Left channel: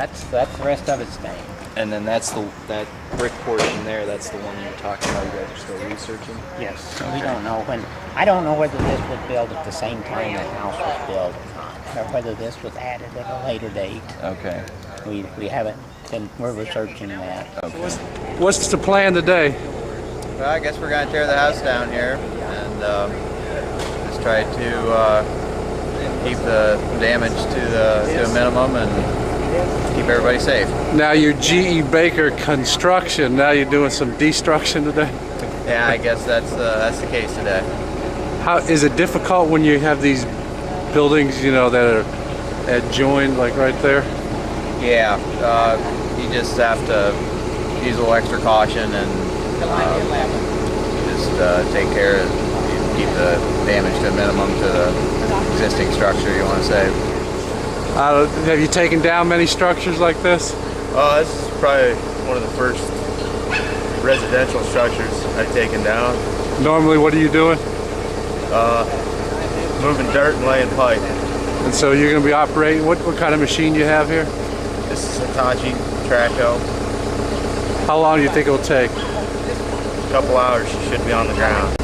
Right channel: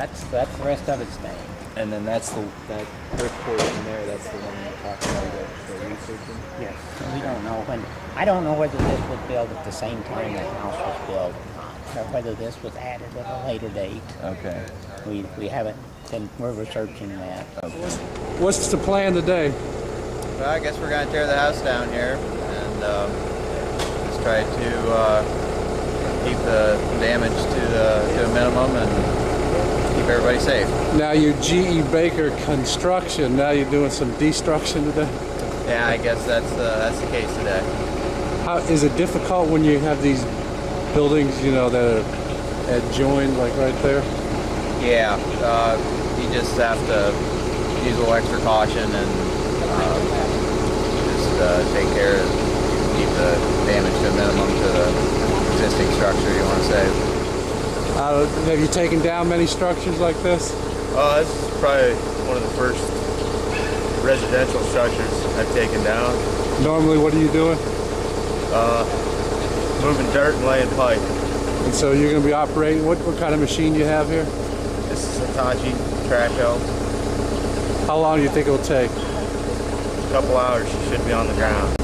That's the rest of it's staying. And then that brick portion there, that's the one you're talking about. You guys are still researching. Yes. So we don't know when. I don't know whether this was built at the same time the house was built or not, or whether this was added at a later date. Okay. We haven't been. We're researching that. Okay. What's the plan today? Well, I guess we're going to tear the house down here and just try to keep the damage to a minimum and keep everybody safe. Now you're GE Baker Construction. Now you're doing some destruction today. Yeah, I guess that's the case today. How is it difficult when you have these buildings, you know, that are adjoined, like right there? Yeah, you just have to use a little extra caution and just take care of keep the damage to a minimum to the existing structure you want to save. Have you taken down many structures like this? This is probably one of the first residential structures I've taken down. Normally, what are you doing? Moving dirt and laying pipe. And so you're going to be operating, what kind of machine do you have here? This is Hitachi track hoe. How long do you think it'll take? A couple hours you should be on the ground.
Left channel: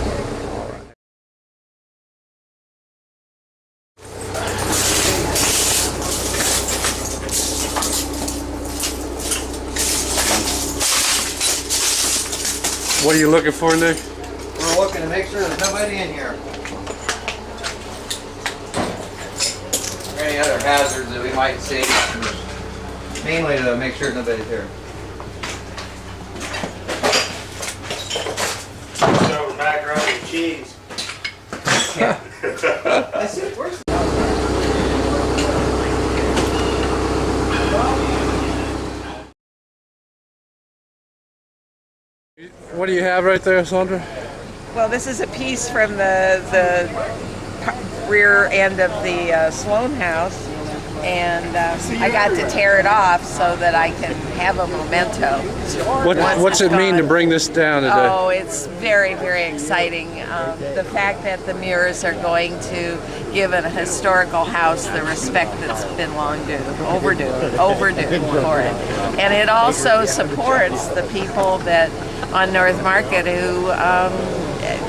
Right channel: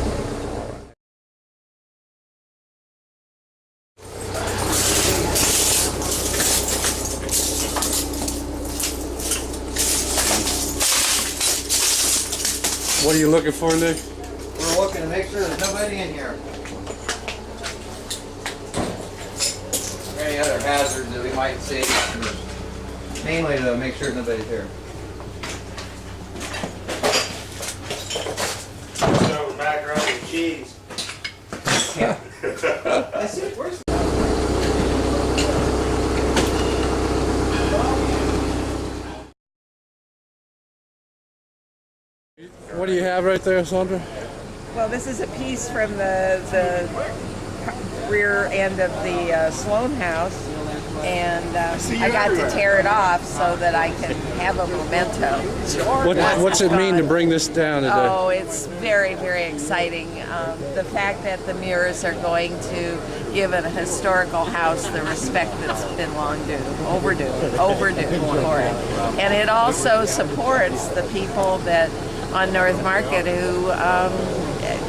What are you looking for, Nick? We're looking to make sure there's nobody in here. Or any other hazards that we might see. Mainly to make sure nobody's here. So macaroni and cheese. Yeah. I see. Where's What do you have right there, Sandra? Well, this is a piece from the rear end of the Sloane House, and I got to tear it off so that I can have a memento. What's it mean to bring this down today? Oh, it's very, very exciting. The fact that the mirrors are going to give a historical house the respect that's been overdue for it. And it also supports the people that on North Market who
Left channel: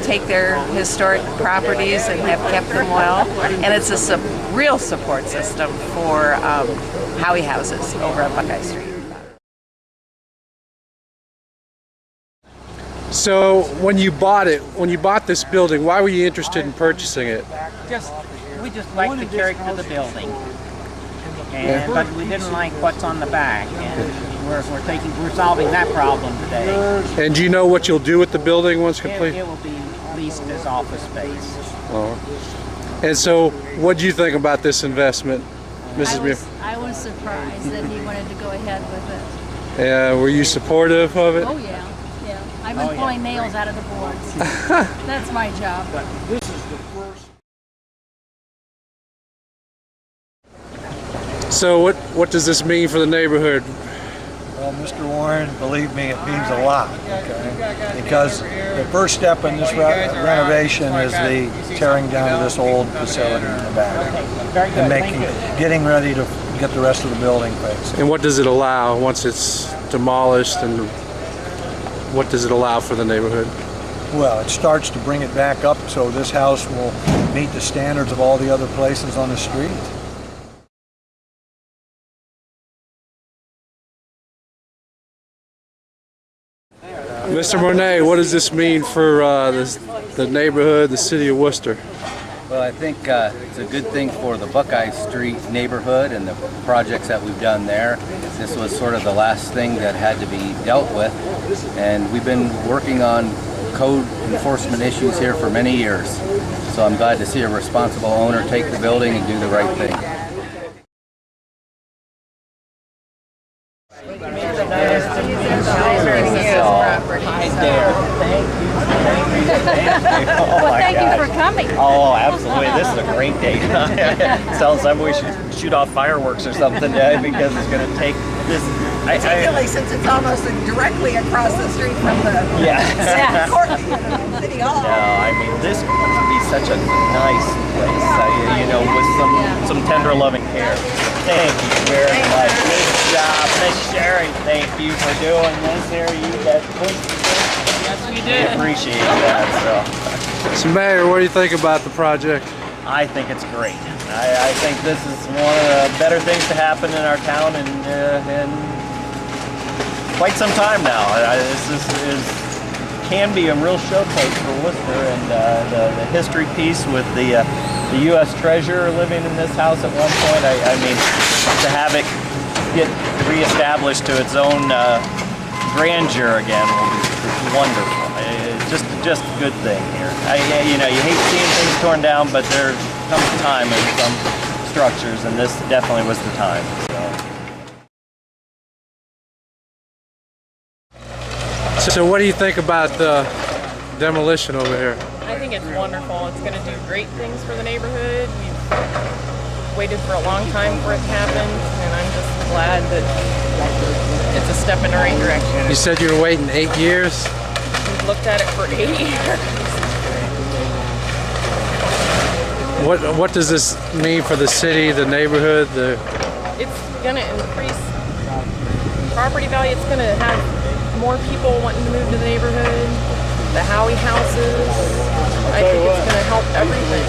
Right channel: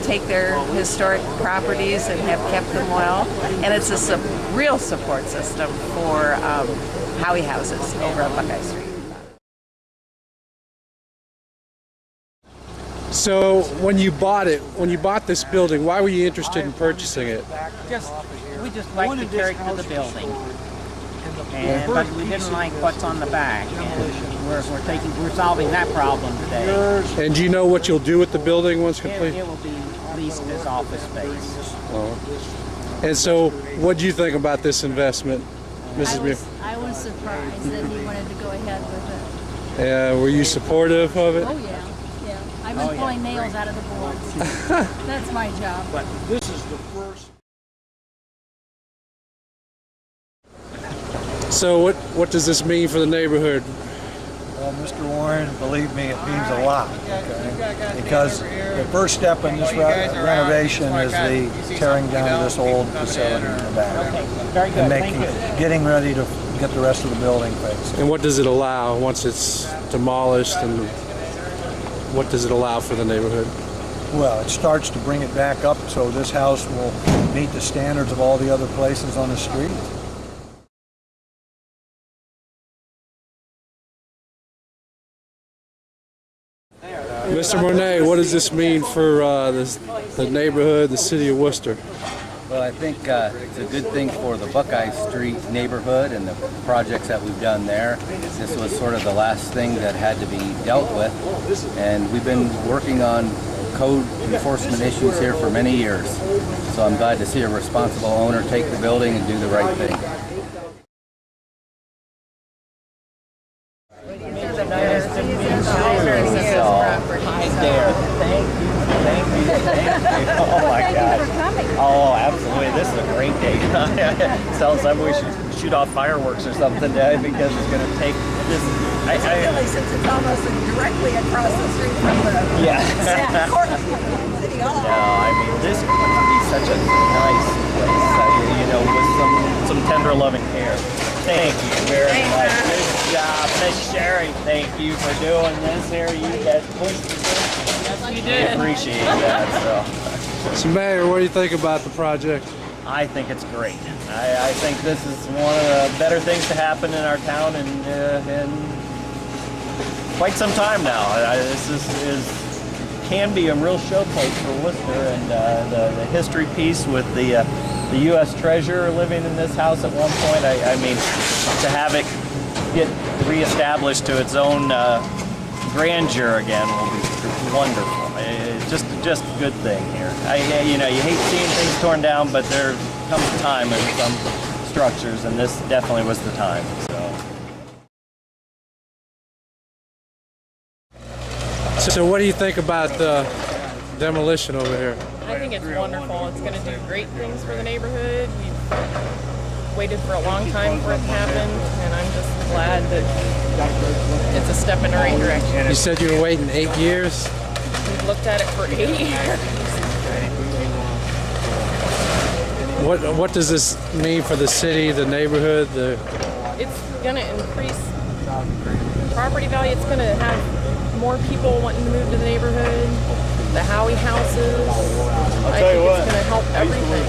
take their historic properties and have kept them well. And it's a real support system for Howie houses over on Buckeye Street. So when you bought this building, why were you interested in purchasing it? We just like the character of the building, but we didn't like what's on the back, and we're solving that problem today. And do you know what you'll do with the building once complete? It will be leased as office space. Oh. And so, what do you think about this investment, Mrs. Muir? I was surprised that he wanted to go ahead with it. Were you supportive of it? Oh yeah, yeah. I've been pulling nails out of the boards. That's my job. But this is the first. So what does this mean for the neighborhood? Well, Mr. Warren, believe me, it means a lot, okay? Because the first step in this renovation is the tearing down of this old facility in the back and getting ready to get the rest of the building fixed. And what does it allow once it's demolished, and what does it allow for the neighborhood? Well, it starts to bring it back up so this house will meet the standards of all the other places on the street. Mr. Monet, what does this mean for the neighborhood, the city of Wooster? Well, I think it's a good thing for the Buckeye Street neighborhood and the projects that we've done there. This was sort of the last thing that had to be dealt with, and we've been working on code enforcement issues here for many years. So I'm glad to see a responsible owner take the building and do the right thing. Thank you for coming. Oh, absolutely. This is a great day. Sounds like we should shoot off fireworks or something today because it's going to take this Particularly since it's almost directly across the street from the court, City Hall. No, I mean, this would be such a nice place, with some tender loving care. Thank you very much. Good job. Miss Sherry, thank you for doing this here. You guys pushed this. Yes, we did. Appreciate that. So Mayor, what do you think about the project? I think it's great. I think this is one of the better things to happen in our town in quite some time now. Can be a real showcase for Wooster, and the history piece with the U.S. Treasurer living in this house at one point. I mean, to have it get reestablished to its own grandeur again will be wonderful. It's just a good thing here. You hate seeing things torn down, but there comes a time in some structures, and this definitely was the time. So what do you think about the demolition over here? I think it's wonderful. It's going to do great things for the neighborhood. We've waited for a long time for it to happen, and I'm just glad that it's a step in the right direction. You said you were waiting 8 years? We've looked at it for 8 years. What does this mean for the city, the neighborhood? It's going to increase property value. It's going to have more people wanting to move to the neighborhood, the Howie houses. I think it's going to help everything.